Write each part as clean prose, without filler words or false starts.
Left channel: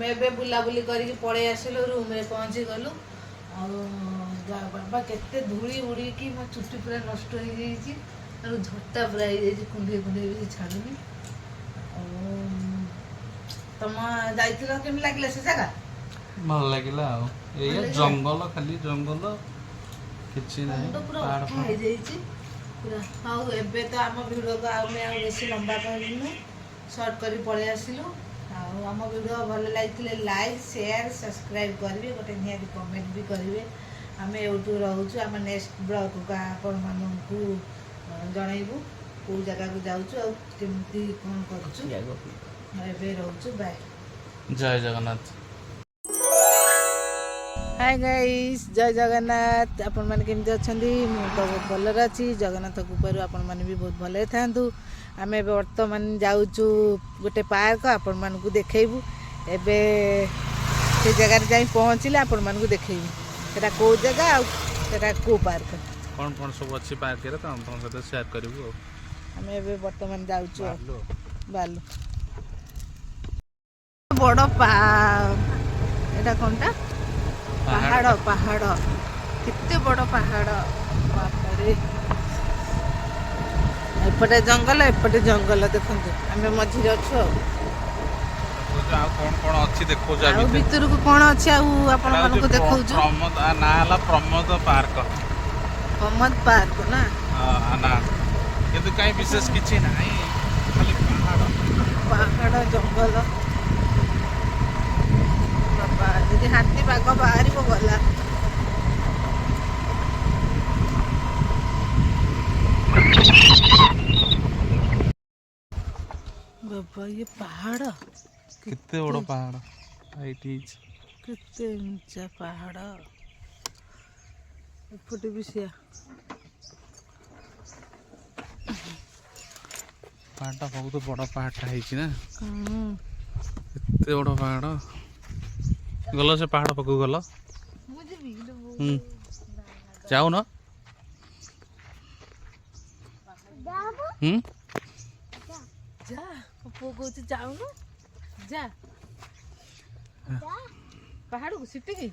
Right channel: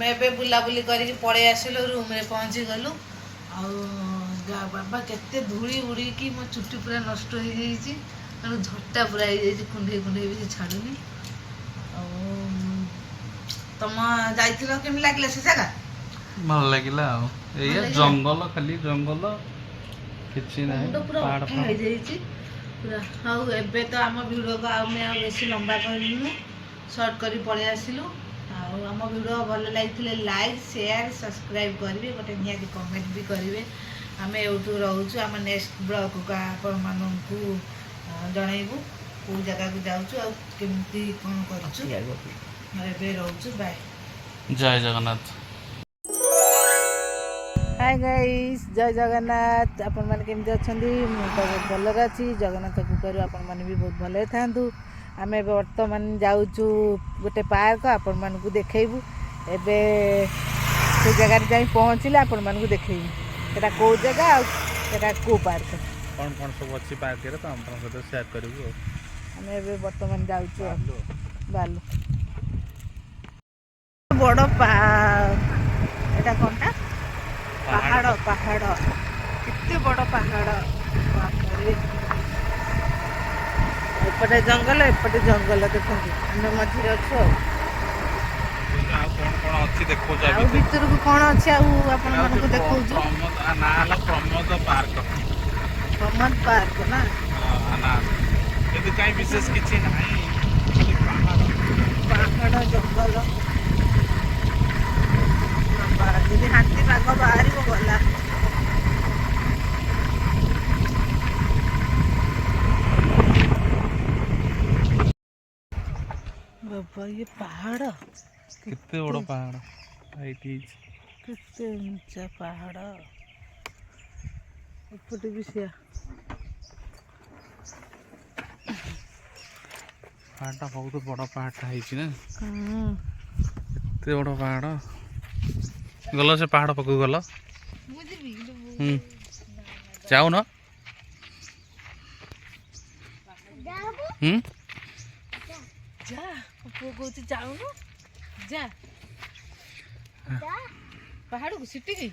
आम ए बुलाबुली करके पड़े आसलु रूम रे पहुँची गलु बाबा केते धूली उड़ी कि मो चुट्टी पूरा नष्ट हो जाइए झटा पूरा हो कुंडे कुंडे भी छाड़ुनी तुम जाइल केमी लगे से जगह भल लगिला जंगल खाली जंगल किछि नाही पूरा अठा हो जाइए पूरा हाँ एबे तो आम भिडियो को आम बेसी लंबा करूँ सर्ट कर पड़े आसलु आम भिडियो भल लगे लाइक शेयर सब्सक्राइब करेंगे गोटे निहाती कमेंट भी करेंगे आम एवं रोचु आम नेक्स्ट ब्लॉग को आपण मानू जनइबू कौ जगह को जाऊँ आमती कौन कर रोचु बाय जय जगन्नाथ हाय गाइस जय जगन्नाथ आपण मैंने केमती अच्छा मुझे तो बहुत भलरे अच्छी जगन्नाथ कृपार आपण मैंने भी बहुत भले था आम ए बर्तमान जाऊँ गोटे पार्क आपण मानक देखू एबे से जगह जाई पहुँचले आपण मानक देखू सेटा को जगह आटा को पार्क कौन कौन सब अच्छी पार्क रे तो हम सहित शेयर करू आम ए बर्तमान जाऊँ बालू बड़ एटा कौनटा पहाड़ पहाड़ कितने बड़ पहाड़ बापरे एपटे जंगल देखो आम मझे अच्छु भितर को कौन अच्छे आपण मानक देखा प्रमोद पार्क प्रमोद पार्क ना कहीं विशेष किसी पहाड़ जंगल जी हाथी बाघ बाहर को गला बाबा ये पहाड़ कितने बड़ा पहाड़ कितने ऊंचा पहाड़ एपटे भी सिया पहाड़टा बहुत बड़ा पहाड़टा है ना एते बड़ा पहाड़ गल से पहाड़ पकू गल जाऊ न जा पप्पू कहते जाऊ न जा पहाड़ को सीटी की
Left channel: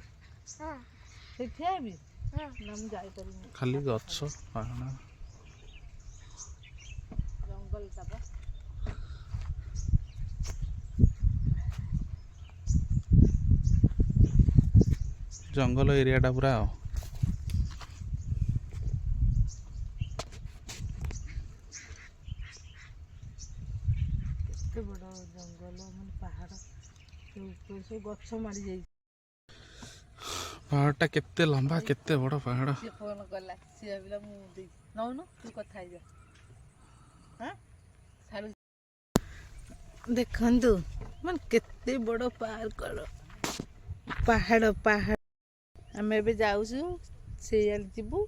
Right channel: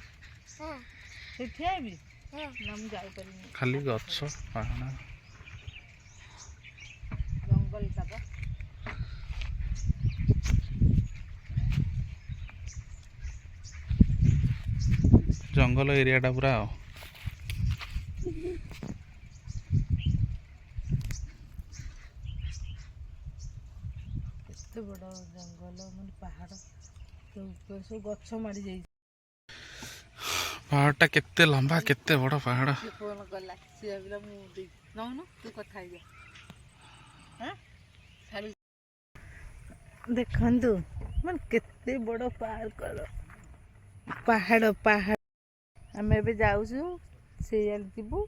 ठिया भी ना मुझे जापर खाली गछ पहाड़ जंगल तक जंगल एरियाटा पूरा केते बड़ा जंगल मन पहाड़ ऊपर सब गछ मारी जाई पहाड़टा केते लंबा केते बड़ा पहाड़ फोन कला सी भाविला मु दे नौनु तू कथा जा हां खाली देखंतु मन केते बड़ा पार्क पहाड़ पहाड़ आम ए जाऊँ से जीवु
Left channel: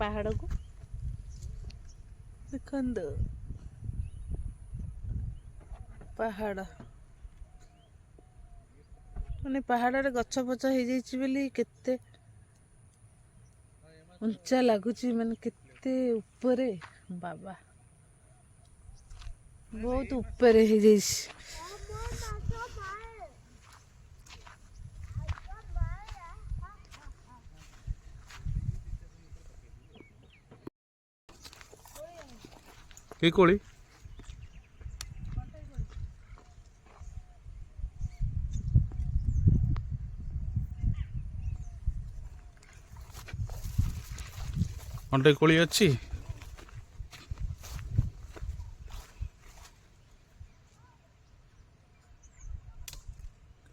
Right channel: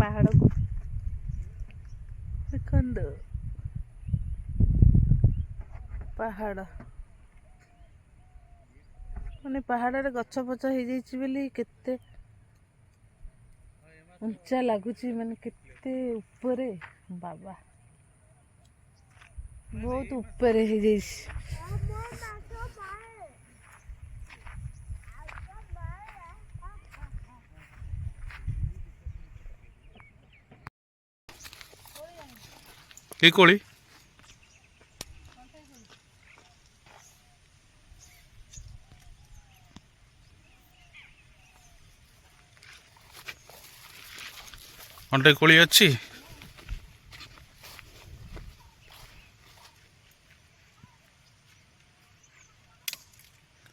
पहाड़ को देख पहाड़ माने पहाड़ गछ पछ हो जाइए केते उंचा लगुच माने केते ऊपरे बाबा बहुत ऊपरे हो जाइए କି କୋଳି ଅଣ୍ଟେ କୋଳି ଅଛି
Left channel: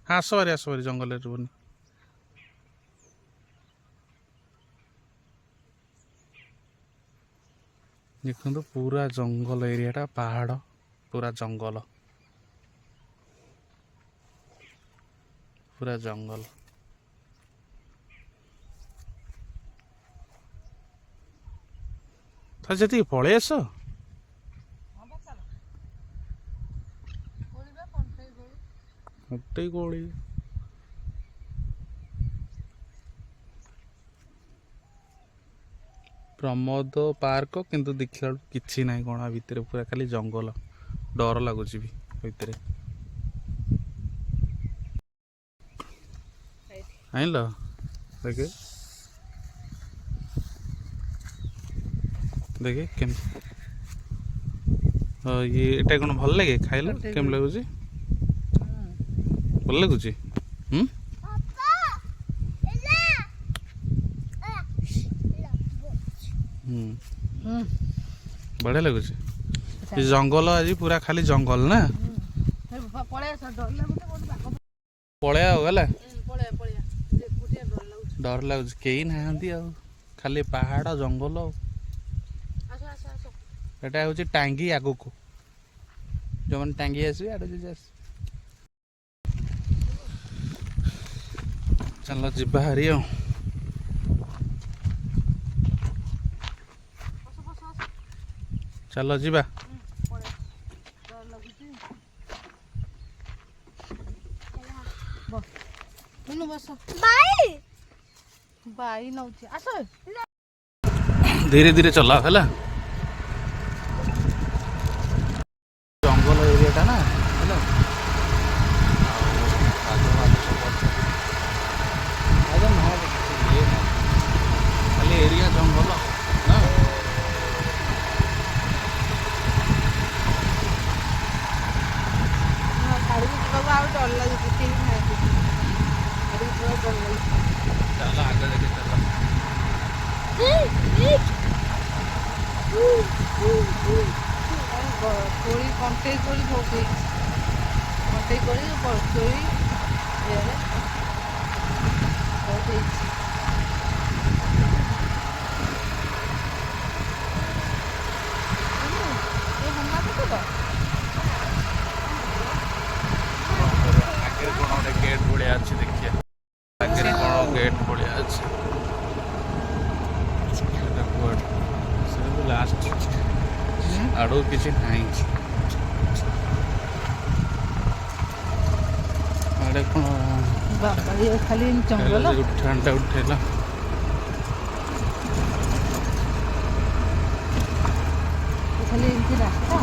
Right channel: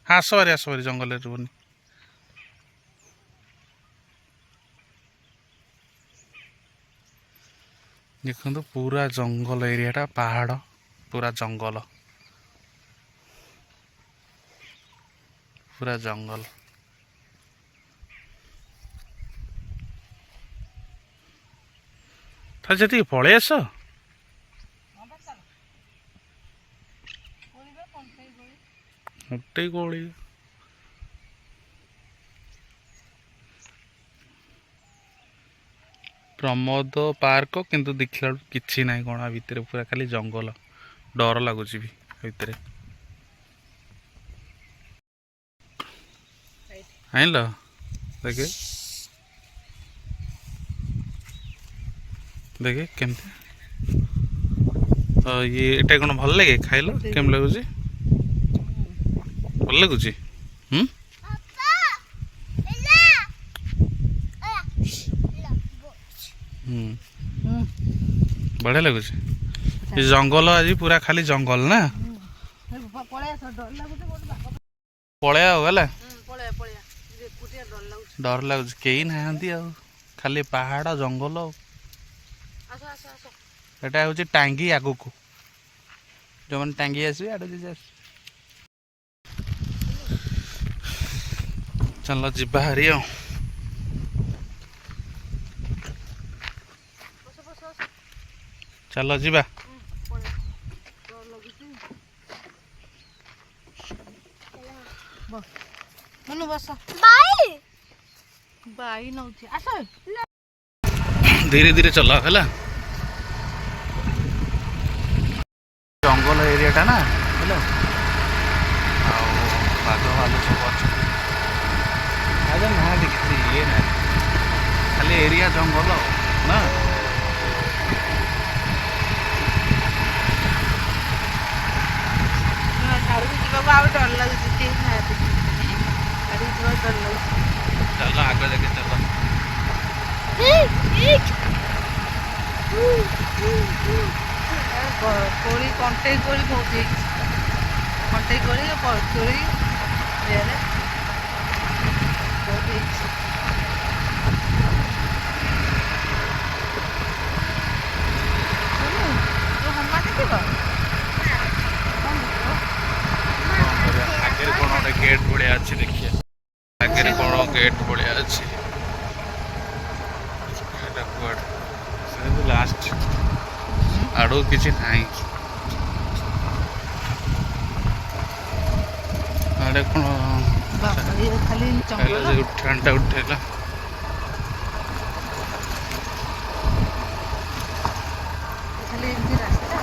ଆସ ଭାରି ଜଙ୍ଗଲରେ ରୁହନି देखो पूरा जंगल एरियाटा पहाड़ पूरा जंगल था जी पलि आस गोटे कोली प्रमोद पार्क किंतु देखला किछि नाही कोना भितर पूरा खाली जंगल डर लगुच भी भितर। ଆଣିଲ ଦେଖେ ଦେଖେ କେମିତି ଇଏ ଏଇଟା କ'ଣ ଭଲ ଲାଗେ ଖାଇଲ କେମିତି ଲାଗୁଛି ଭଲ ଲାଗୁଛି ବଢ଼ିଆ ଲାଗୁଛି ଏ ଜଙ୍ଗଲ ଆଜି ପୁରା ଖାଲି ଜଙ୍ଗଲ ନା ପଳେଇ ଆଉ ହେଲା ଡର ଲାଗୁଛି କେହି ନାହାନ୍ତି ଆଉ ଖାଲି ପାହାଡ଼ ଜଙ୍ଗଲ ଆଉ ଏଟା ହେଉଛି ଟାଙ୍ଗୀ ଆଗକୁ ଯେଉଁମାନେ ଟାଙ୍ଗୀ ଆସିବେ ଆଡ଼େ ଯଦି ଆସିବେ ଚାଲ ଯିବା ହାରି ଆଉ ଚାଲ ଯିବା ଧୀରେ ଧୀରେ ଚଲା ହେଲା ଜଙ୍ଗଲ ଏରିଆଟା ନା ହେଲା ଆଉ ବାଘ ଭାଲୁ ସବୁ ଅଛନ୍ତି ନାହାନ୍ତି କିଛି ଇଏ ନାହିଁ ଖାଲି ଏରିଆ ଜଙ୍ଗଲ ନା ଆଡ଼କୁ ଯିବାକୁ ଆଉ ଡର ଲାଗୁଛି କେହି ନାହାନ୍ତି ଆଡ଼କୁ ଯିବାକୁ ଡର ଲାଗୁଛି ଚାଲ ଆଗ ଦେଖେ ଚାଲ କୋଳି କଣ୍ଟେଇ କୋଳି ବହୁତ ହେଇଛି କଣ୍ଟେଇ କୋଳି କୋଳି ଇଏରେ ବହୁତ ହେଇଛି ତୁ ହମା ଦେଖିବ ଆଗରେ କ'ଣ ଗୋଟେ ଗେଟ୍ ଭଳିଆ ଅଛି ଦେଖିଆ ଆଗରେ କ'ଣ ଗେଟ୍ ଭଳିଆ ଅଛି ଏଟା କୁଆଡ଼େ ସେ ଲାଷ୍ଟ ଆଡ଼କୁ କିଛି ନାହିଁ ଆଡ଼େ କ'ଣ ଖାଲି ଜଙ୍ଗଲ ଉଠାଣଟା ଉଠେଇଲା ଖାଲି ଏମିତି ରାସ୍ତା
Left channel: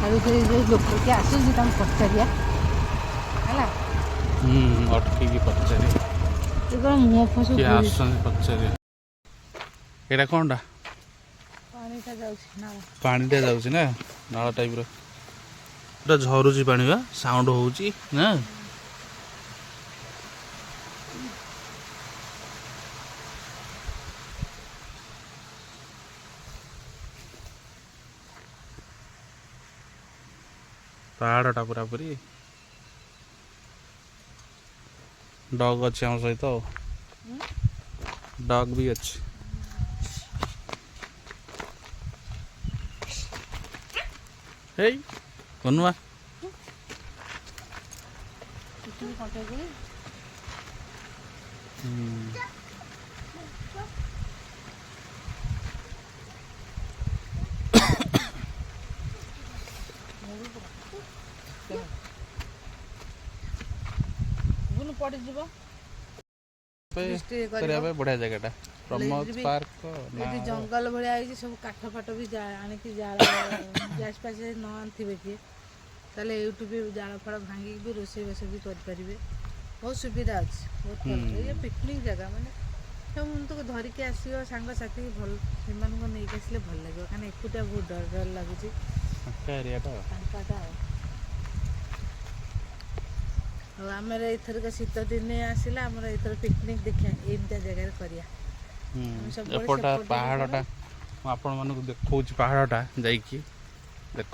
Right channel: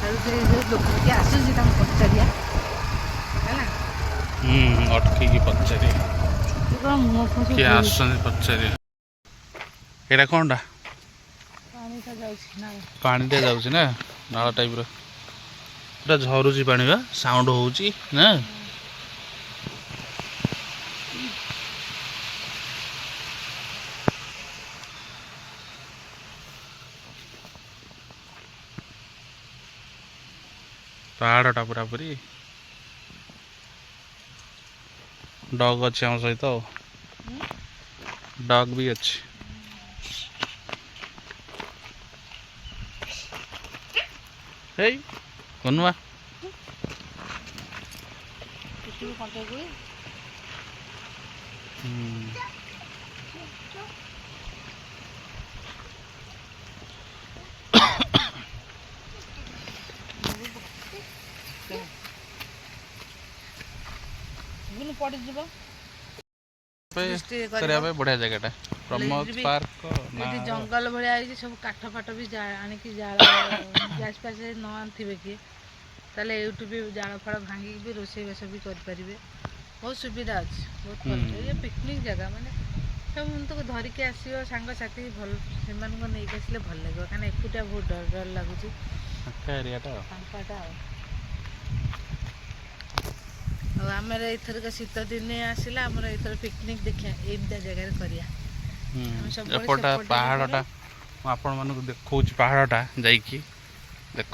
ଆଉ ସେ ଯେଉଁ ଲୋକ କିଏ ଆସୁଛି ତାଙ୍କୁ ପଚାରିବା ହେଲା ଅଟକେଇକି ପଚାରିବା ତୁ କ'ଣ ମୁହଁ ଫୁଁ କିଏ ଆସୁଛନ୍ତି ପଚାରିବା ଏଇଟା କ'ଣଟା ପାଣିଟା ଯାଉଛି ନା ପାଣିଟା ଯାଉଛି ନା ନାଳ ଟାଇପ୍ର ପୁରା ଝରୁଛି ପାଣି ବା ସାଉଣ୍ଡ ହେଉଛି ନା ପାହାଡ଼ଟା ପୁରାପୁରି ଡଗ୍ ଅଛି ଆମ ସହିତ ଆଉ ଡଗ୍ ବି ଅଛି ଏଇ କନୁଆ ପଡ଼ିଯିବ କରିବା ପାଇଁ ବଢ଼ିଆ ଜାଗାଟା ପ୍ରମୋଦ ପାର୍କ ଏଠି ଜଙ୍ଗଲ ଭଳିଆ ହେଇଛି ସବୁ କାଠ ଫାଟ ବି ଆଣିକି ଜାଳ ଗ୍ୟାସ୍ ଫ୍ୟାସ୍ ନ ଆଣିଥିବେ କିଏ ତାହେଲେ ଏଇଠୁ ବି ଜାଳ ଫାଳ ଭାଙ୍ଗିକି ବି ରୋଷେଇବାସ ବି କରିପାରିବେ ବହୁତ ସୁବିଧା ଅଛି ବହୁତ ଭଲ ଏ ପିକନିକ୍ ଜାଗା ମାନେ ସେମାନଙ୍କୁ ଧରିକି ଆସିବ ସାଙ୍ଗସାଥି ଭଲ ସେମାନଙ୍କୁ ନେଇକି ଆସିଲେ ଭଲ ଲାଗିବ କାହିଁକିନା ଏକୁଟିଆ ବହୁତ ଡର ଡର ଲାଗୁଛି ଏରିଆଟା ଫାଙ୍କାଟା ଆଉ ଆମର ଏଇଥରକ ଶୀତ ଦିନେ ଆସିଲା ଆମର ଏଇଥର ପିକନିକ୍ ଦେଖିବା ଏମିତିଆ ଜାଗାରେ କରିବା ଏପଟା ପାହାଡ଼ଟା ମୁଁ ଆପଣମାନଙ୍କୁ ଦେଖାଉଛି ପାହାଡ଼ଟା ଯାଇକି ଦେଖ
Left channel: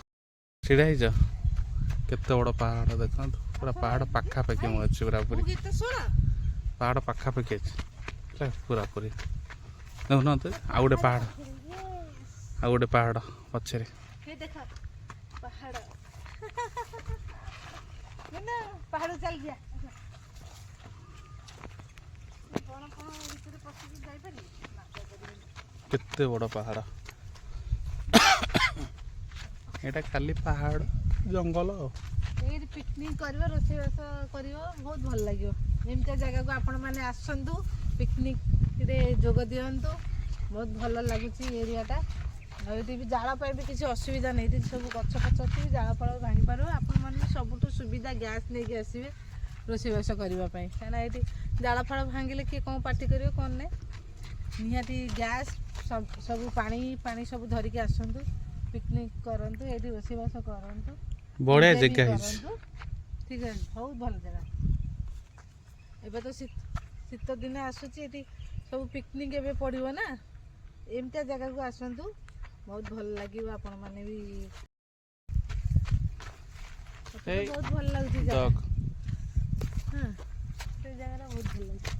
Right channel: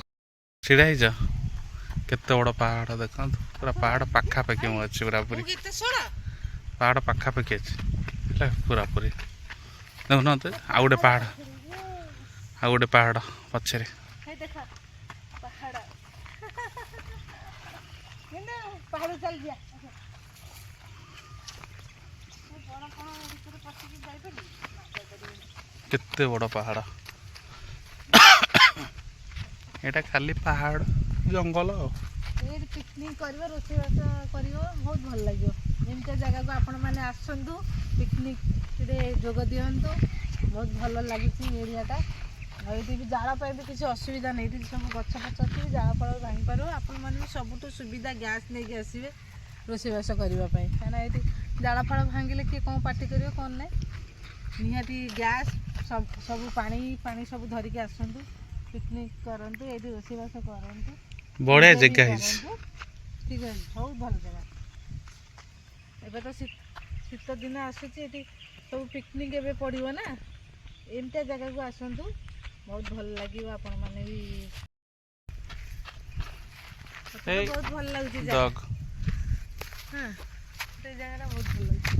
ଛିଡ଼ା ହେଇଛ କେତେ ବଡ଼ ପାହାଡ଼ ଦେଖନ୍ତୁ ପୁରା ପାହାଡ଼ ପାଖାପାଖି ମୁଁ ଅଛି ପୁରାପୁରି ପାହାଡ଼ ପାଖାପାଖି ଅଛି ହେଲା ପୁରାପୁରି ଦେଖୁନାହାନ୍ତି ଆଉ ଗୋଟେ ପାହାଡ଼ ପଛରେ ପାହାଡ଼ ଚାଲିଯିବା କେତେ ବଡ଼ ପାହାଡ଼ ଏଇଟା ଖାଲି ପାହାଡ଼ ଜଙ୍ଗଲ ଆଉ ଏଇଠି ପିକନିକ୍ କରିବ ରୋଷେଇବାସ କରିବ ବହୁତ ଭଲ ଲାଗିବ ଏମିତିଆ ଜାଗାକୁ ଆପଣମାନେ ଆସନ୍ତୁ ପିକନିକ୍ରେ ଯୋଗ ଦିଅନ୍ତୁ ବହୁତ ଭଲ ଲାଗୁଛି ଏରିଆଟା ଆଉ ଏଠି ବି ଜାଳ ପାଇଁ ବି କିଛି ଅସୁବିଧା ନାହିଁ ଏଠି ସବୁ ଗଛ ଫଛ ଅଛି ଜାଳ ଫଳ ଭାଙ୍ଗି ପାରିବ ଆପଣମାନେ ସବୁଠୁ ସୁବିଧା ଗ୍ୟାସ୍ ନେଇକି ଆସିବେ ରୋଷେଇବାସ କରିବା ପାଇଁ, କାହିଁକିନା ଏଠି ଜାଳ ଫାଳ ଭାଙ୍ଗିଲେ କିଏ କ'ଣ ପାଟି କରିବ କ'ଣ ନାହିଁ। ନିହାତି ଗ୍ୟାସ୍ ସବୁ ପାଣି ସବୁ ଧରିକି ଆସନ୍ତୁ, ପିକନିକ୍ କରନ୍ତୁ, ଏଇଠି ରୋଷେଇବାସ କରନ୍ତୁ, ବଢ଼ିଆ enjoy ବି ଜାଗା ହେଇଛି। କରନ୍ତୁ। ଠିକ୍ ଅଛି, ବହୁତ ଭଲ ଜାଗା। ଏବେ ତ ଶୀତ ଦିନ ଆସୁଛି, ଏଠି ସବୁ ପିକନିକ୍ ଏବେ ପଡ଼ିବ ନା, ଏମିତିଆ ଜାଗାକୁ ଆସନ୍ତୁ, ବହୁତ ଭଲ ଲାଗିବ। ଆପଣମାନେ ବି ବହୁତ ଭଲ ଲାଗୁଛି ଜାଗା। ହଁ, ସେଇ ଜାଗାଟା ବହୁତ ଭଲ ଲାଗୁଛି।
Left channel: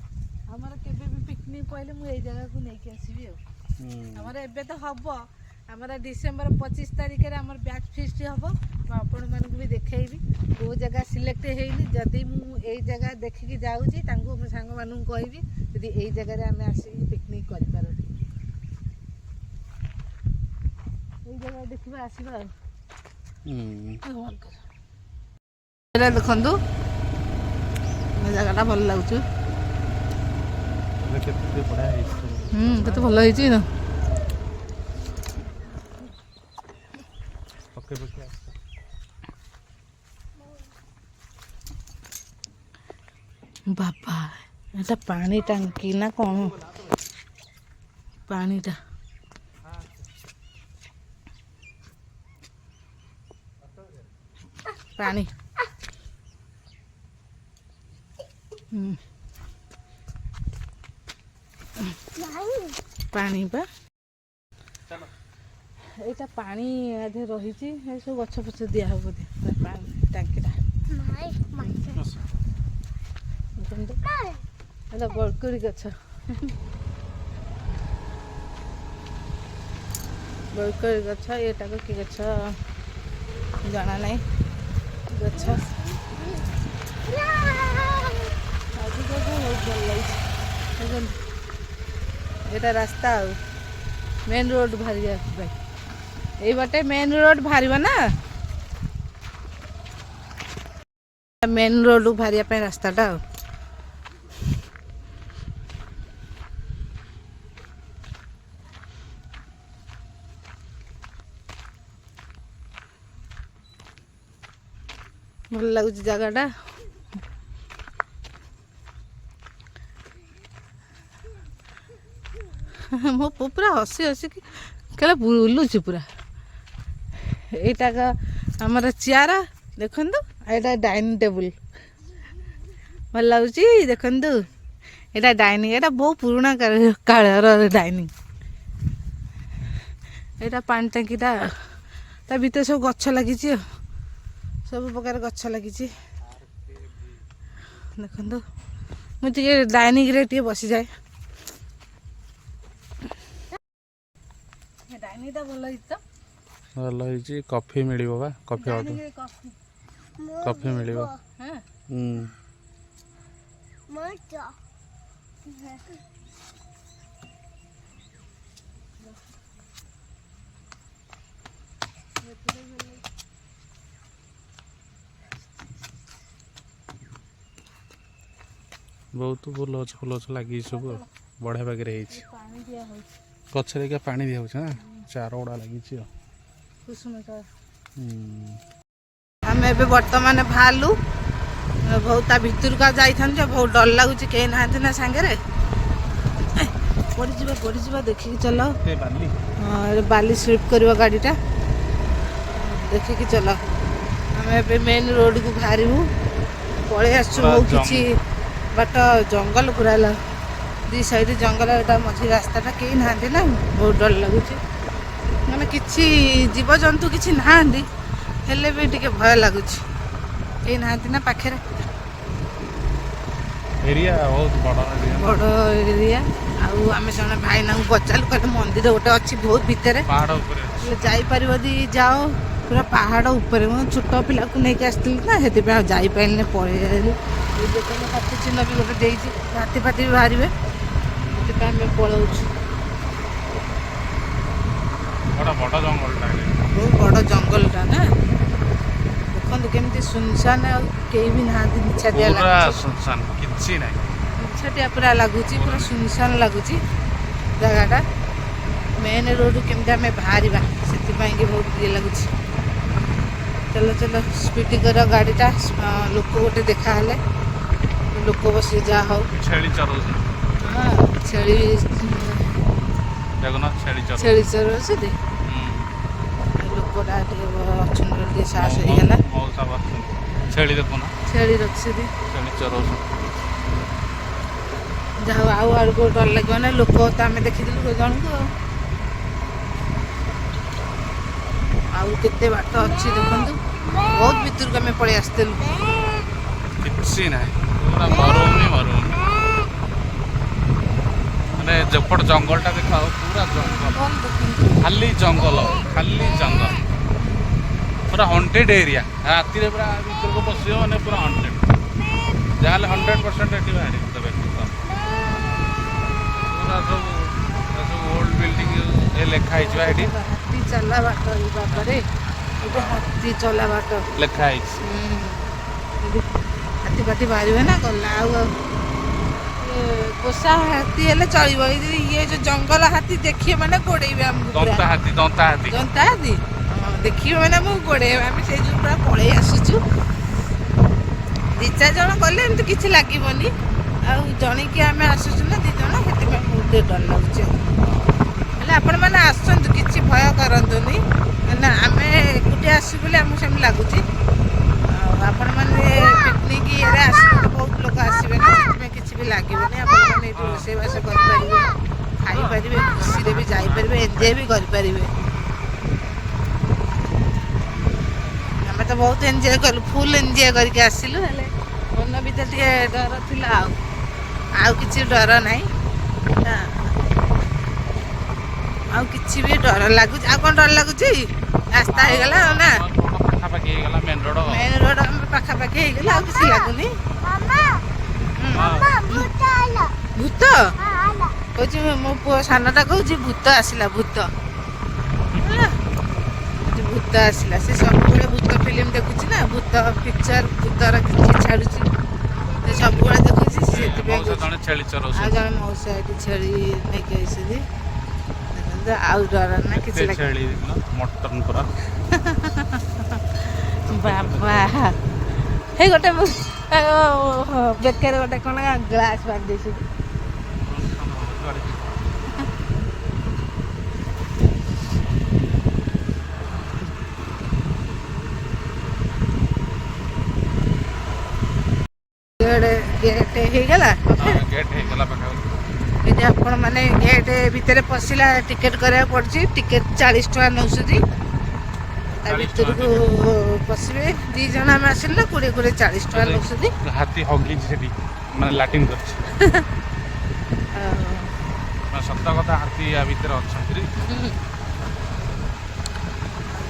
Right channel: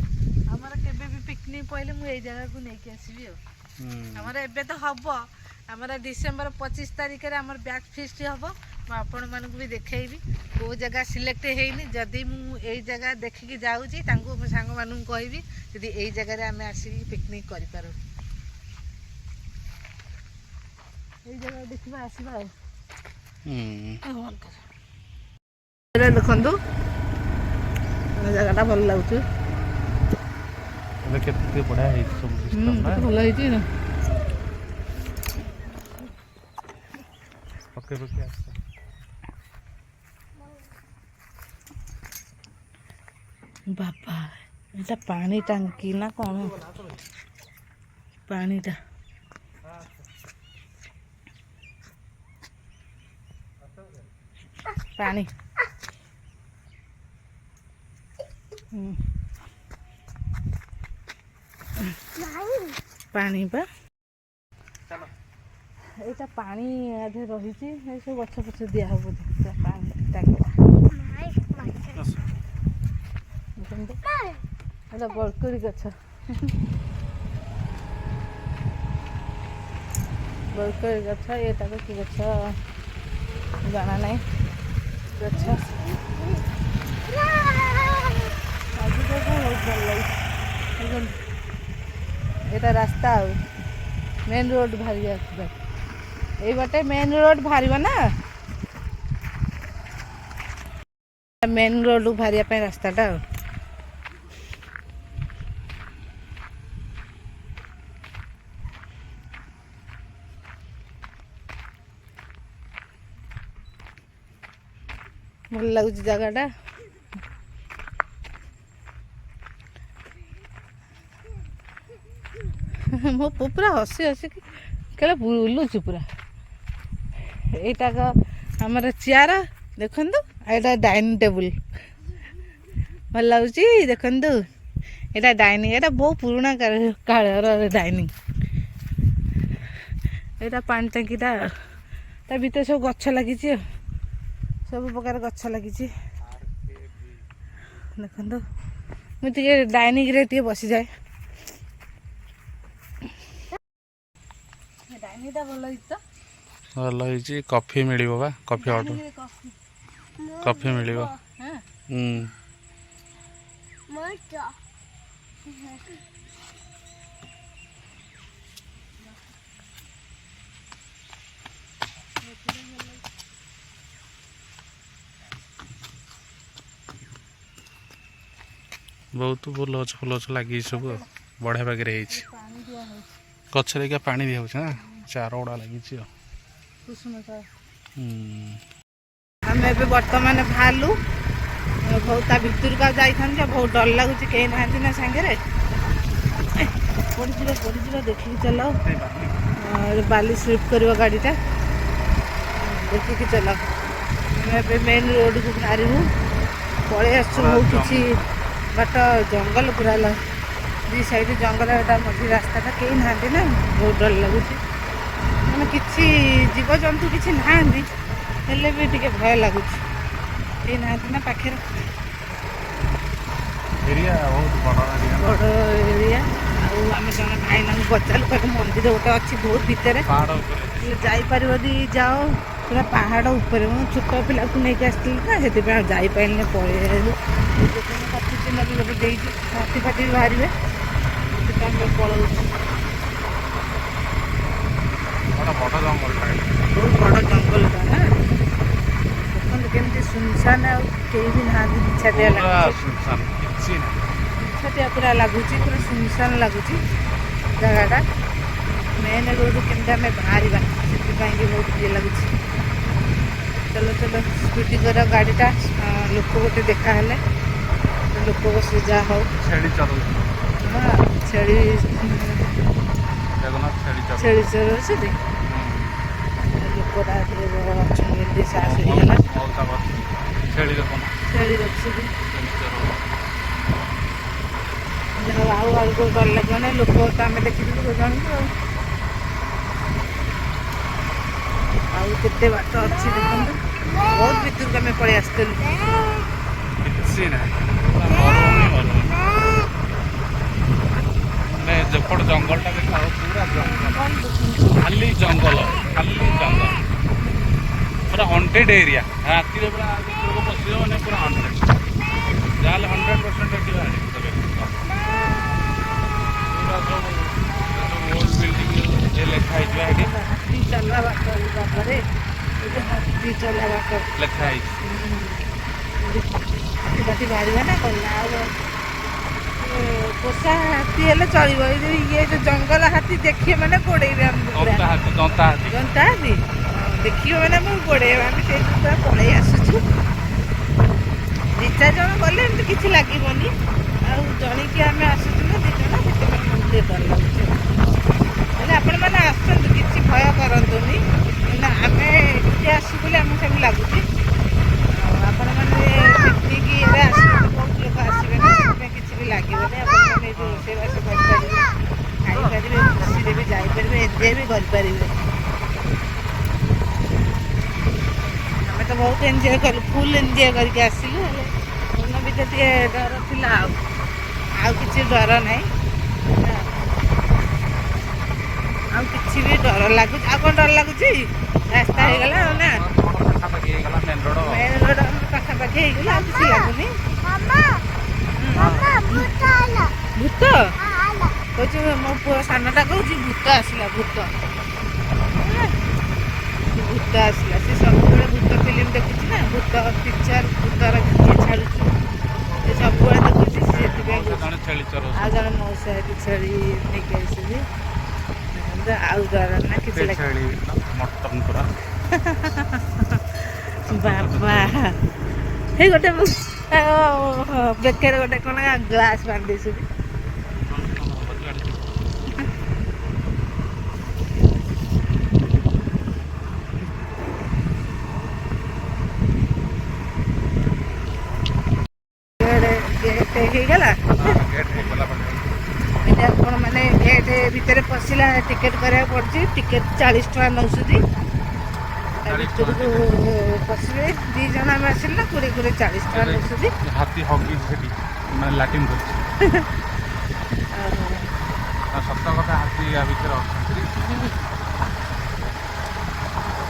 ଆମର କେବେ ବି ପିକନିକ୍ ପଇଲେ ମୁଁ ଏଇ ଜାଗାକୁ ନେଇକି ଆସିବି ଆଉ। ଆମର ଏବେ ତ ହବ, ଆମର ଡିସେମ୍ବର 25 ତାରିଖରେ ଆମର ବ୍ୟାଚ୍ ଫିଷ୍ଟ ହବ। ମୁଁ ଆପଣମାନଙ୍କୁ ବି ଦେଖେଇବି। କେଉଁ ଜାଗା ସିଲେକ୍ଟ ହେଇନି, ଯଦି ମୁଁ ଏଇ ଜାଗା ଦେଖିକି ଯାଉଛି ତାଙ୍କୁ ମୋ ସାଙ୍ଗମାନଙ୍କୁ କହିବି ଯଦି ଏଇ ଜାଗାରେ ଆମେ ଆସିକି ପିକନିକ୍ କରିପାରୁ। ଏଇ ଜାଗା ଦେଖିବା ଆସିବା ଆଉ। ଦେଖନ୍ତୁ ଜାଗାଟା ଭଲ ଲାଗୁଛି। କେତେ ବଢ଼ିଆ ହେଇଛି, କେତେ ଭଲ ହେଇଛି ନା। ବାବା, এটা ପାଣି ଟାଙ୍କି ନା କ'ଣ? ପାଣିଟା ପାଣି ପାଣି ବା ଏଇଟା ପାଣି ଆଧେ ରହିଛି, ସବୁ ଗଛ ପଛ ଦିଆହବ ବୋଧେ। ପାଣି ଟାଙ୍କିଟା ଦେଖନ୍ତୁ, ଏଇଟା ବରକୋଳି ଗଛ। ବରକୋଳି ଗଛ, ଏଇଟାକୁ କି ଗଛ ଜଣା ନାହିଁ। ଗଛ ବହୁତ ଭଲ ଲାଗିଛି। ଏଇଟା ରାସ୍ତା ଆଉ ମେନ୍ ରୋଡ୍ ବାହାରିବା ପାଇଁ, ଏଇ ବାଟେ ମେନ୍ ରୋଡ୍ ବାହାରିବ ନା, ମେନ୍ ରୋଡ୍ ବାହାରିବା ପାଇଁ ରାସ୍ତାଟା ଆଉ। ଭଲ ଲାଗୁଛି ଜାଗାଟା। ମୋ ପୁଅ ପୁରା ହସି ହସିକି କେଳେ ବୁଲୁଛି ପୁରା। ଏଇଟା ଆମର ଚେୟାର ଦେଖନ୍ତୁ, ଏଇଟା ଡାଇନିଂ ଟେବୁଲ ଭଲ ଲାଗୁଛି। ଦେଖନ୍ତୁ, ଏଇଟା ଡାଇନିଂ, ଏଇଟା ବହୁତ ପୁରୁଣା କାଳର ଡାଇନିଂ। ଏଇଟା ପାଣି ଟାଙ୍କିଟା, ତା ଭିତରେ ସବୁ ଗଛ ଲାଗିଛି ଆଉ, ସବୁ ପ୍ରକାର ଗଛ ଲାଗିଛି। ଦେଖନ୍ତୁ, ମୁଁ ଟିକେ ଡାଇନିଂରେ ଟିକେ ବସିଯାଏ। ଡାଇନିଂଟା ଭଲ ହେଇଛି ତ, ଭଲ ହେଇଛି। କଫି ମିଳିବ ବା, କଫି ଅର୍ଡ଼ର, କଫି ମିଳିବ। ବହୁତ ଫୁଲ ଗଛ ଲାଗିଛି ସବୁ ଆଉ, ବଢ଼ିଆ ବାଗରେ ହେଇଛି। ଗଛରେ ପାଣି ଦିଆହେଉଛି ନା, ଚାର ଗୁଡ଼ା ଲାଗିଛି ଆଉ। ଆମେ ଏବେ ବର୍ତ୍ତମାନ ବାହାରିଲୁ, ବହୁତ ତା ଭିତରକୁ ଆଉ ଯାଇଥାନ୍ତୁ ଯେ ବହୁତ ଡର ଲାଗୁଛି, କେହି ନାହାନ୍ତି ନା ସାଙ୍ଗରେ। ପଡ଼ିଯିବା ଦେଖିକି ଚଲାଅ, ବାଲି ସ୍ଲିପ୍ କରିବ ଗାଡ଼ିଟା, ଦେଖିକି ଚଲାଅ। ଆମେ ଏବେ ମେନ୍ ରୋଡ଼କୁ ବାହାରିବୁ, ପଳେଇ ଆସିଛୁ। ବହୁତ କିଛି ବାଟ ଜଙ୍ଗଲ ପୁରା, ଦି ସାଇଡ୍ ଜଙ୍ଗଲ, ଏଇଟା ମଝି ରାସ୍ତାଟା, କେହି ନାହାନ୍ତି ନା, ବହୁତ ଡର ଲାଗୁଛି। ମାନେ କିଛି ଜୀବଜନ୍ତୁ କିଛି ନାହାନ୍ତି, ହେଲେ ବି ଟିକେ ଭୟ ଲାଗୁଛି, କେହି ନାହାନ୍ତି ନା ପାଖରେ। ଏରିଆ ବହୁତ ବଡ଼ ଏରିଆ। ଆଉ ଆମେ ଜଣେ ଭାଇନାଙ୍କୁ ପଚାରିଲୁ, କହିଲେ ମନ୍ଦିର ଗୋଟେ ଅଛି ବହୁତ ଭିତରେ, ହେଲେ ଯାଇପାରିବ ଯଦି ଯାଅ, ପୁରା ପାହାଡ଼ ଉପରେ। ମୁଁ ଛୋଟ ପିଲାକୁ ନେଇକି ଆସିଥିଲି ନା, ସେଥିପାଇଁ ଆଉ ଯାଇପାରିନି, ପଳେଇ ଆସିଲି। ଯେତେବେଳେ ହାତୀ ଚିହ୍ନ ବି ଗୋଟେ ଦେଇଛି, ହାତୀ ଫାତୀ ବି ବାହାରିବେ, ସେଥିପାଇଁ ଆମେ ପଳାଉଛୁ। ବହୁତ ବଡ଼ ଜଙ୍ଗଲଟା ନା, ଦେଖନ୍ତୁ କେମିତି ସୁନସାନ, ଆଉ କେହି ବି ନାହାନ୍ତି, ନିଛାଟିଆ ଲାଗୁଛି, କିଛି ନାହିଁ, ନିଛାଟିଆ ପୁରା ଲାଗୁଛି, ପୁରା ସୁନସାନ ଲାଗୁଛି ଜାଗାଟା। ମେନ୍ ରୋଡ଼ରୁ କେମିତି ଆମେ ବାହାରିବା, ସେଥିପାଇଁ କି ବହୁତ ଇଏ ଲାଗୁଛି। ଚାଲ ଚାଲ, ସ୍ପିଡ୍ କର ଗାଡ଼ିଟା। ଲୋକ ଗୋଟେ ଦେଖାହେଲେ, ଲୋକ ବସିଲେ ଯାହା ହଉ। ଛେଳି ଚରଉଛନ୍ତି ଛେଳି ଜଗନ୍ନାଥ ଛେଳି ଚରଉଛନ୍ତି। ଲୋକଟା ଟିକେ ଅଛନ୍ତି ବୋଲି ଟିକେ ସାହସ ହେଇଗଲା। ଛେଳି ଦେଖନ୍ତୁ ଛେଳି ରଖିଛନ୍ତି। ଚରଉଛନ୍ତି। ଯାହା ହଉ ଆଉ ଆଡ଼କୁ ଡର ଲାଗିବ ନା। ଲୋକ ତ ଆମେ ଦେଖିଥିଲୁ ଜଣଙ୍କୁ ଆଉ କେତେ ବାଟ ଅଛି ଦେଖନ୍ତୁ। ବହୁତ ଭିତରକୁ ଆମେ ପଳେଇ ଆସିଥିଲୁ। କିଛି ନାହିଁ ପୁରା ମରୁଭୂମି ମାନେ ଯେପଟ ଜଙ୍ଗଲଟା ଦେଖାଉ ପୁରା ଜଙ୍ଗଲ, ଖାଲି ଜଙ୍ଗଲ ପୁରା ହଣ୍ଟେଡ୍ ଏରିଆ। ରାତିରେ ପୁରା ଭିତରକୁ ପଶିବ ମାନେ ପୁରା ହଣ୍ଟେଡ୍। ଯାହାହେଲେ 100% ଏଠି ବାହାରିବ ପୁରା ସବୁ ଓଲ୍ଡ ବିଲ୍ଡିଂ ଲେଖା ହେଇଯିବ ଏଠି। ହାତୀ ଚଲା ବାଟ ବାବାରେ, ଏଠି ହାତୀ ଚଲା ବାଟ ଲେଖା ହେଇଛି। ହାତୀ ଫାତୀ ବାହାରିବେ ନା ଗଲା। ଆଉ ପୋଷା ହାତୀ ହେଲେ ଚଳିବ। ଇଏ ଯୋଉ ଜଙ୍ଗଲ ହାତୀ ଦେଖିବେ ମାନେ ଗୋଡେଇବେ ଆମକୁ ପୁରା। ଦନ୍ତା ହାତୀ ଦେଖିବେ ମାନେ ଆମକୁ ଗୋଡେଇବେ। ଆମେ ସେଇ ଯୋଉ ପୁରା ପଳେଇ ଆସୁଛୁ। 2-4 ଜଣ ଗଲେ ଏମିତି କିଛି ଲାଗିବନି। ଆଉ ଜଣିକି ଆମେ ଆସୁଛୁ ନା 2 ଜଣ, ସେଥିପାଇଁ ଆମକୁ ଟିକେ ଡର ଲାଗୁଛି। ହେଲେ ଆପଣମାନେ ଆସନ୍ତୁ, କିଛି ଭୟ କରନ୍ତୁନି। ନା ଆମେ ଏକୁଟିଆ ଆସିବୁ ବୋଲି ଆମକୁ ସେମିତି ଲାଗୁଛି। ଆଉ ଆପଣମାନେ ପିକନିକ୍ ଇଏରେ ଆସିବେ, ବହୁତ ଲୋକ ଆସିବେ ନା, ସେଥିପାଇଁ କିଛି ବି ଲାଗିବନି। ଆପଣମାନେ ଏଇଠି ରୋଷେଇବାସ କରିପାରିବେ, ଖାଇପାରିବେ, ଖୁସିରେ ବି ଯାଇପାରିବେ, ଏନ୍ଜୟ ବି କରିପାରିବେ। ଆମେ ତ ବହୁତ ଏନ୍ଜୟ କଲୁ, ଫୁଲ୍ ଏନ୍ଜୟ କରିକି ଆସିଲୁ। ହେଲେ ମନ ଭିତରେ ଟିକେ ଡର ଥିଲା। ଆଉ କିଛି ଡର ନାହିଁ ନା। ଆଉ କିଛି ବି ଡର ଲାଗୁଛି? ଆଉ କ'ଣ ଡର ଲାଗୁଛି? ରାସ୍ତା ହେଇଗଲା ଆଉ ନା, ପାଖାପାଖି ହେଇଗଲା ମେନ୍ ରୋଡ ଆମର ପାଖାପାଖି ହେଇଗଲା। ଆଉ କିଛି ଲାଗୁନି। ଭୂତ କହୁଛି, ମୋ ପୁଅ ସାନଟା କହୁଛି ଭୂତ ଆସିଲା, ଭୂତ ଆସିଲା। ସେ ସବୁବେଳେ ଭୂତ ଫିଲ୍ମ ଦେଖୁଛି ନା, ଭୂତ ପିକ୍ଚର, ଭୂତର କିଛି ଛାଡୁଛି, ସେ ସବୁବେଳେ ଦେଖୁଛି। ସେଥିପାଇଁ ଛେଳି ଆଉ ଜଣେ ମଉସା ଏଠି ଛେଳି ନେଇକି ଆସିବି। ଆଉ ଡର ନା କିଛି ଛେଳି ମଟନ ପୁରା ବାବା। ହେଇ ଗୋଟେ ବେକରେ ଗୋଟେ କ'ଣ ଗ୍ଲାସ ବାନ୍ଧି ଦେଇଛନ୍ତି। ଗେଟ୍ ହେଇଗଲା। ଏଠି ଆପଣ ମାନେ ଗେଟ୍ ଭିତରେ ପଶିଲା ଟିକେଟ୍ କରିବାକୁ ପଡୁଛି। ଟିକେଟ୍ 40 ଟଙ୍କା ନେଉଛନ୍ତି। ତା ଭିତରକୁ ପଶିବେ। 2 ଜଣ ଆମେ ଆସିଲୁ ନା, 20 40 ଟଙ୍କା ନେଉଛନ୍ତି। ହାତୀ ହଗିଛି ସେଠି, ମାନେ ଲାଟିନ୍ କରୁଛି। ସତ କଥା, ହାତୀ ୟା ଭିତରେ ଅଛନ୍ତି।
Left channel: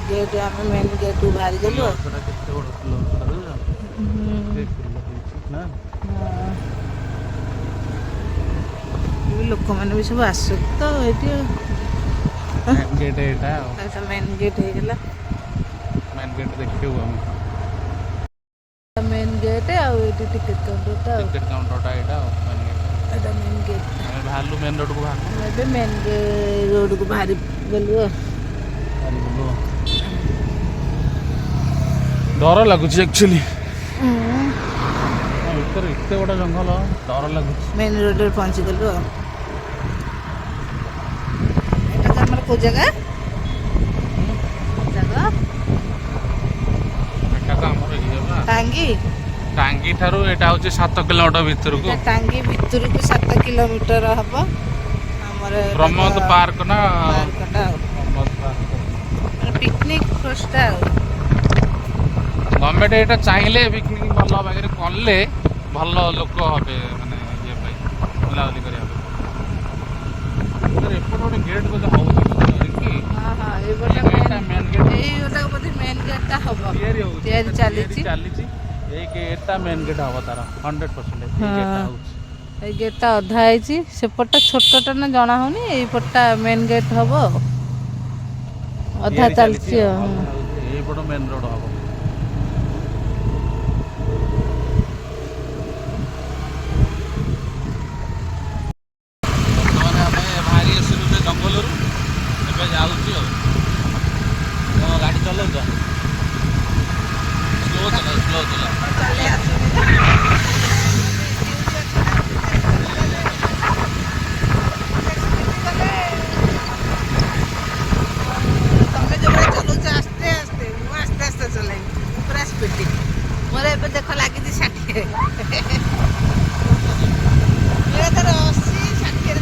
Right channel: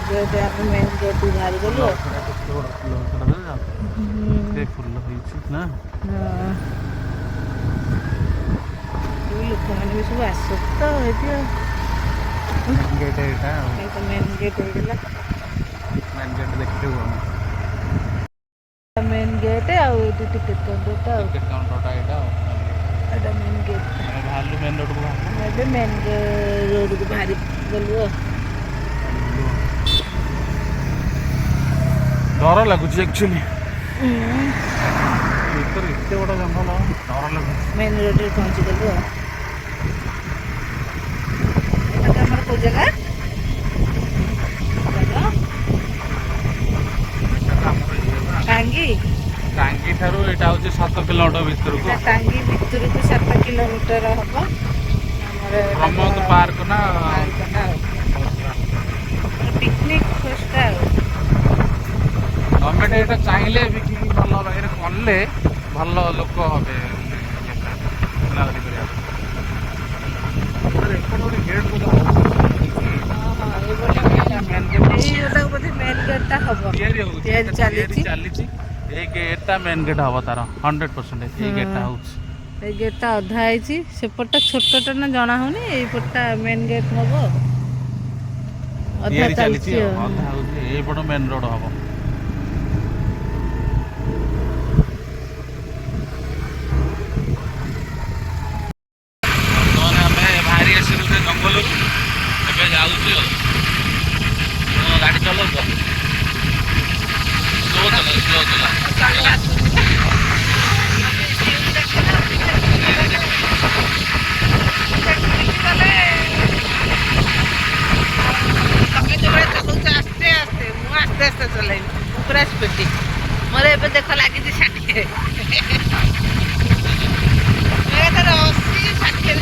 ଗେଟ୍ ଆମେ ମେନ୍ ଗେଟ୍ ବାହାରି ଗଲୁ। ଲୋକମାନେ ବି ସବୁ ଆସନ୍ତି ତ ଏଇଠି। ଗେଟ୍ ଏଇଟା ମେନ୍ ଗେଟ୍ ହେଇଗଲା। ମେନ୍ ଗେଟ୍ ଦେଖିବୁ ଆମେ। ମେନ୍ ଗେଟ୍ ଆଉ ଏଇଠି ଟିକେଟ୍ କାଉଣ୍ଟରଟା। ଏଇଟା ମେନ୍ ଗେଟ୍। ବାହାରିଲୁ ମେନ୍ ରୋଡ଼କୁ। ଆମେ ଏବେ ମେନ୍ ରୋଡ଼କୁ ବାହାରି ଗଲୁ। ଡର ଲାଗୁଛି ଆକ୍ଚୁଆଲି। ଭିତରେ ଏତେ ବଡ଼ ଜଙ୍ଗଲ, ଡର ଲାଗୁଛି। ମେନ୍ ରୋଡ଼ରେ ପହଞ୍ଚିଗଲୁ। ଏଇଟା ଆମର କୋଉ ଜାଗା? ଟାଙ୍ଗୀ ଠାରୁ ଏଇଟା ହଉଛି 7 କିଲୋମିଟର ଭିତରକୁ। ଟାଙ୍ଗୀ ଭିତରକୁ 7 କିଲୋମିଟର ହବ। ଆମର ପ୍ରମୋଦ ପାର୍କ ନା ପାର୍କଟା ପିକନିକ୍ ସ୍ପଟ୍ଟା ଆଉ। ଗଭର୍ଣ୍ଣମେଣ୍ଟ ଏଇଟା ଚାହିଁଲେ ପିକନିକ୍ ଭଲ ଭାବରେ କଲେ ଭଲ ଲୋକ ହେବେ, ମାନେ ବୁଲାବୁଲି କରିବା। ଏପଟେ ଗୋଟେ ଗେଟ୍ ବୋଧେ ହଉଛି କି? ଏଇଟା ବୋଧେ ମେନ୍ ଗେଟ୍ଟା ହବ, ତିଆରି ଚାଲିଛି। ଏଇ ଗେଟ୍ଟା ମେନ୍ ଗେଟ୍ ହବ ତାର 100%। ଏଇ ଗେଟ୍ଟା ହଉଛି, ଏଇ ଗେଟ୍ଟା ଅଧା ହେଇଛି। ସେପଟଟା ଛୋଟଟା ନା ଜଣା ହଉନି, ଏଇପଟଟା ମେନ୍ ଗେଟ୍ ହବ। ଅଧା ଚାଲିଛି। ଏଇପଟ ମେନ୍ ରୋଡ୍ ହବ। ଆମେ ବାହାରି ଆସିଲୁ ସେ ଜଙ୍ଗଲରୁ, ଏବେ ଯାଉଛୁ ଆଉ। ଗାଡ଼ି ଚଲାଉଛ? ସ୍ଲୋ ଚଲା। ତାର 80-60 ରେ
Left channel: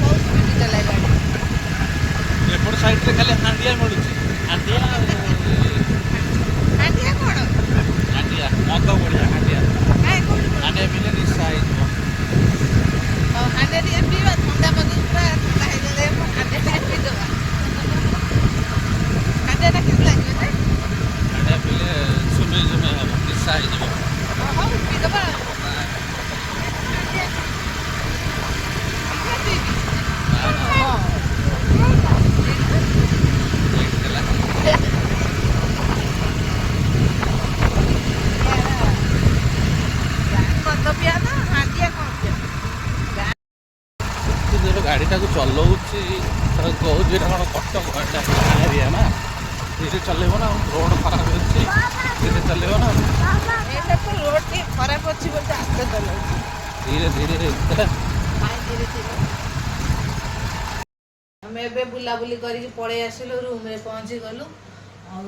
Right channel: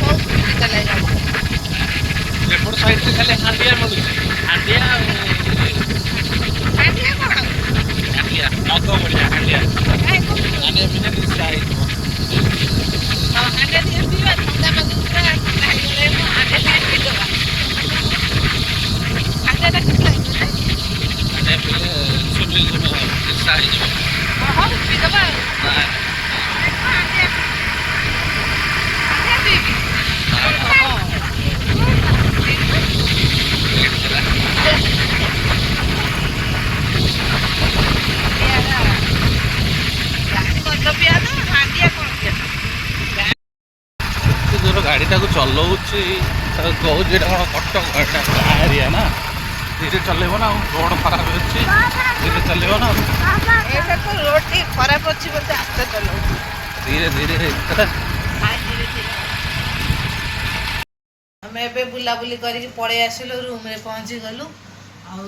ବହୁତ ସ୍ପିଡ୍ ଚଲାଇ ଗାଡ଼ି। ଏପଟ ସାଇଡରେ ଖାଲି ହାଣ୍ଡିଆ ମିଳୁଛି। ହାଣ୍ଡିଆ ହାଣ୍ଡିଆ କଣ? ହାଣ୍ଡିଆ ମଦ ଭଳିଆ ହାଣ୍ଡିଆ। କାଇଁ କୋଉଠି ହାଣ୍ଡିଆ ପିଇଲେ ନିଶା ହେଇଯିବ। ହାଣ୍ଡିଆ ଟିକେ ପିଇବା ଥଣ୍ଡା ପାଗକୁ ପୁରା ଥଣ୍ଡା ହେଇଗଲେ ମୁଁ ହାଣ୍ଡିଆ ଟିକେ ପିଇଦବା। ହାଣ୍ଡିଆଟା କେମିତି ଲାଗିବ ଯେ? ହାଣ୍ଡିଆ ପିଇଲେ ନିଶା ହେଇଯିବ। ହଉ ପିଇଦବା ଆଉ। ନାଇଁ, ହାଣ୍ଡିଆ ପିଇବି। ମଦ ପିଆ ତ ହାଣ୍ଡିଆ କଣ ପିଆ? ଏତେ ଜୋର ଗାଡ଼ିଟାକୁ ଚଲଉଛି ତାକୁ କହୁଛି ଏଇଟା କ'ଣ କଟକ ଏଇଟା ଏରିଆ ନା, ଧୀରେ ଚଲେଇବ ନା ଆଉ। ରୋଡ଼ ଖରାପ ଅଛି, ଧୀରେ ଚଲେଇବ ନା। ଏଇଟା ତ ରୋଡ ଟିକେ ଖରାପ ଅଛି ବୋଲି ଆସ୍ତେ ଚଲାଉଛି। ଧୀରେ ଧୀରେ ଧୀରେ ଧୀରେ ଆମେ ଏବେ ବୁଲାବୁଲି କରିକି ପଳେଇ ଆସିଲୁ, ରୁମ୍ରେ ପହଞ୍ଚିଗଲୁ। ଆଉ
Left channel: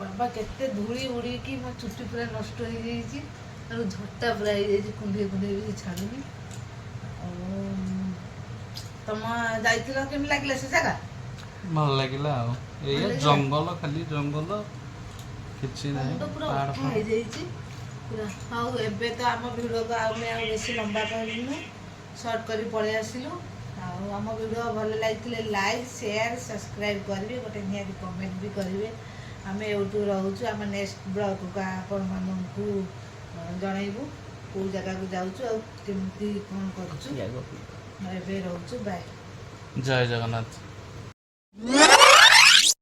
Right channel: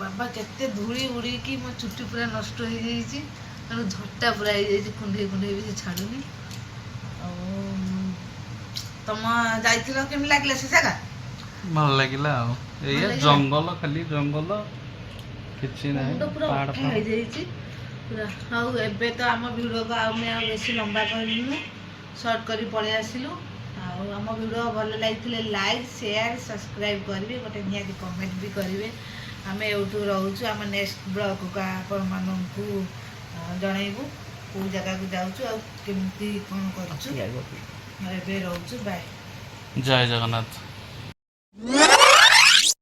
ବାବା କେତେ ଧୂଳି ଉଡ଼ିକି ମୋ ଚୁଟି ପୁରା ନଷ୍ଟ ହେଇଯାଇଛି, ତେଣୁ ଝଟା ପୁରା ହେଇଯାଇଛି, କୁଣ୍ଡେଇ କୁଣ୍ଡେଇ ବି ସେ ଛାଡ଼ୁନି। ଆଉ ତମ ଯାଇଥିଲ, କେମିତି ଲାଗିଲା ସେ ଜାଗା? ଭଲ ଲାଗିଲା ଆଉ। ଏଇଆ ଜଙ୍ଗଲ, ଖାଲି ଜଙ୍ଗଲ, କିଛି ନାହିଁ, ପୁରା ପାହାଡ଼ ଅଠା ହେଇଯାଇଛି ପୁରା। ଆଉ ଏବେ ତ ଆମ ଭିଡ଼ିଓକୁ ଆମେ ଆଉ ବେଶୀ ଲମ୍ବା କରିନୁ, ସର୍ଟ କରି ପଳେଇ ଆସିଲୁ। ଆଉ ଆମ ଭିଡ଼ିଓ ଭଲ ଲାଗିଥିଲେ ଲାଇକ୍, ସେୟାର, ସବସ୍କ୍ରାଇବ୍ କରିବେ, ଗୋଟେ ନିହାତି କମେଣ୍ଟ ବି କରିବେ। ଆମେ ଏଇଠୁ ରହୁଛୁ, ଆମ ନେକ୍ସଟ ବ୍ଲଗ୍କୁ ଆପଣମାନଙ୍କୁ ଜଣାଇବୁ କେଉଁ ଜାଗାକୁ ଯାଉଛୁ ଆଉ କେମିତି କ'ଣ କରୁଛୁ। ଏବେ ରହୁଛୁ, ବାଏ। ଜୟ ଜଗନ୍ନାଥ।